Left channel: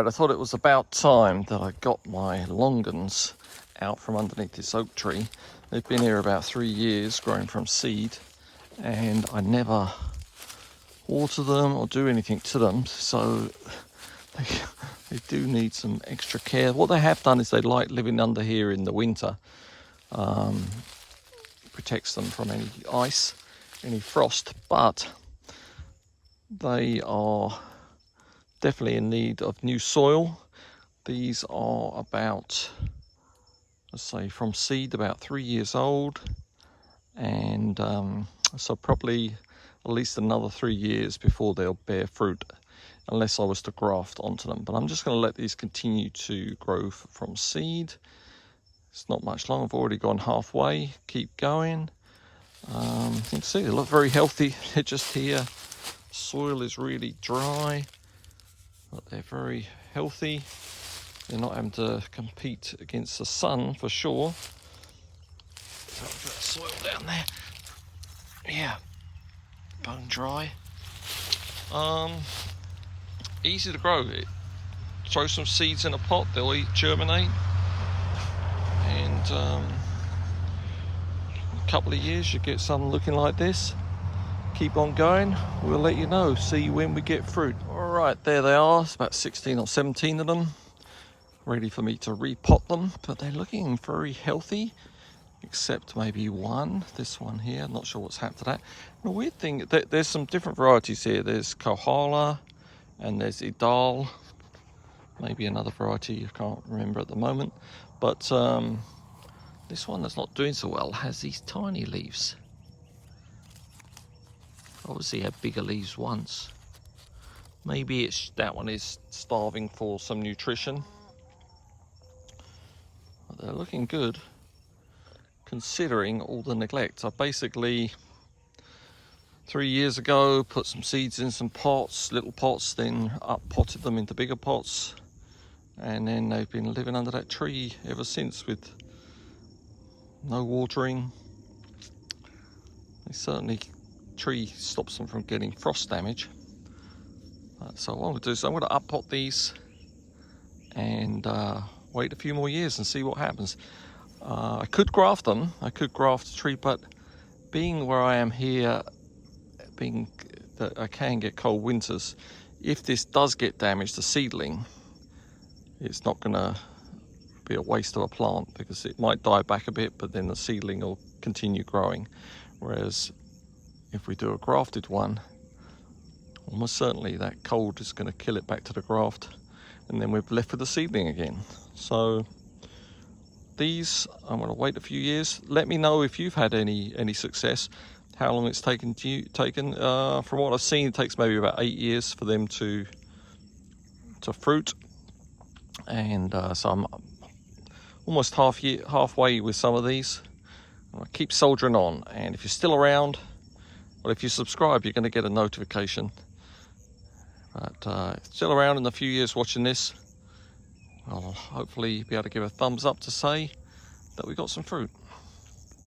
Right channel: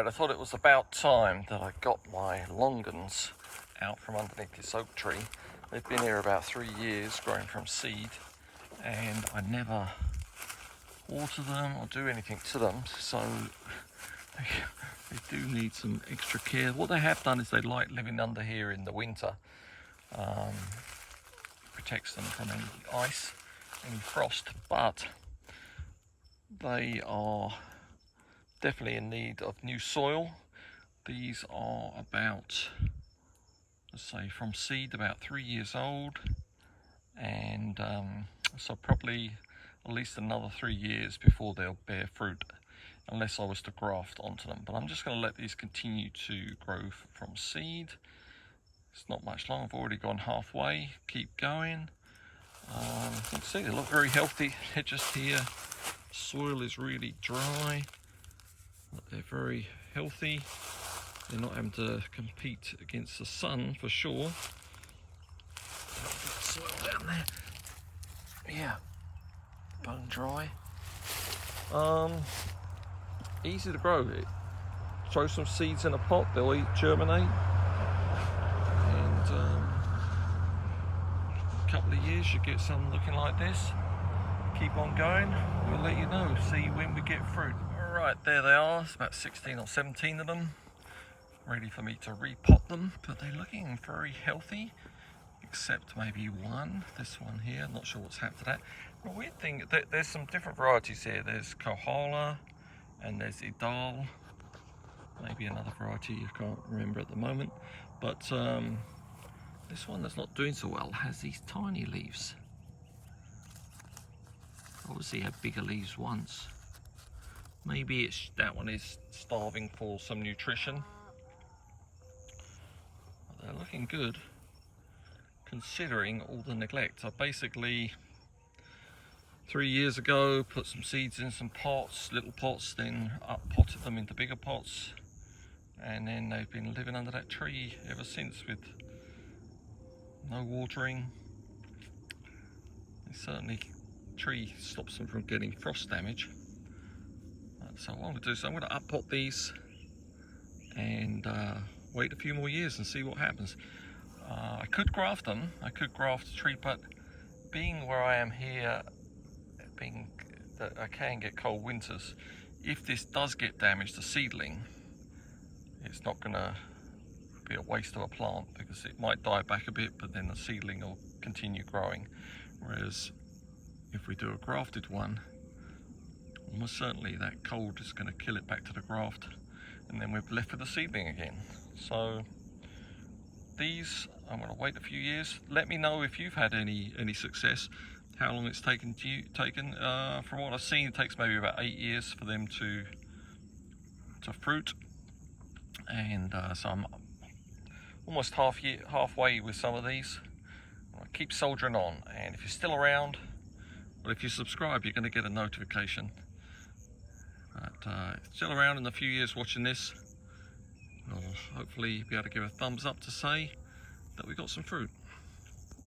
Right, I thought it was about time that I got my Longans out from underneath this oak tree. They've been here about 3 years, growing from seed, and I never water them or do anything to them, so they do need some extra care. What they have done is they like living under here in the winter. Protects them from any ice, any frost, but they are definitely in need of new soil. These are about, let's say, from seed about 3 years old, and so probably at least another 3 years before they'll bear fruit, unless I was to graft onto them. But I'm just going to let these continue to grow from seed. It's not much long, I've already gone halfway. Keep going. You can see they look very healthy. They're just here. Soil is really dry, but they're very healthy. They're not having to compete against the sun for sure. Put that soil down there. Yeah, bone dry. Easy to grow. Throw some seeds in a pot, they'll germinate, and a couple of years you get some looking like this. Keep on going, we'll let you know, see when we get fruit. All right, there they are. It's about 16 or 17 of them, ready for me to repot them, but they're looking very healthy, except maybe one, this one here. I'm not sure what's happened to that. The weird thing, there's some different varieties here. There's Kohala and there's Idal, maybe another variety I can't remember at the moment, but this one that's not doing so well has these tiny leaves. Obviously had bigger leaves once. Maybe it's that one is starving for some nutrition. But they're looking good, considering all the neglect. I basically 3 years ago put some seeds in some pots, little pots, then up potted them into bigger pots, and then they've been living under that tree ever since with no watering. They certainly, tree stops them from getting frost damage. So what I'm going to do is I'm going to up pot these and wait a few more years and see what happens. I could graft them, I could graft the tree, but being where I am here, being that I can get cold winters, if this does get damaged, the seedling, it's not going to be a waste of a plant, because it might die back a bit, but then the seedling will continue growing. Whereas if we do a grafted one, almost certainly that cold is going to kill it back to the graft, and then we're left with the seedling again. So these, I'm going to wait a few years. Let me know if you've had any success, how long it's taken. From what I've seen, it takes maybe about 8 years for them to fruit, and so I'm almost halfway with some of these. I'll keep soldiering on, and if you're still around, well, if you subscribe, you're going to get a notification. But still around in a few years watching this, I'll hopefully be able to give a thumbs up to say that we got some fruit.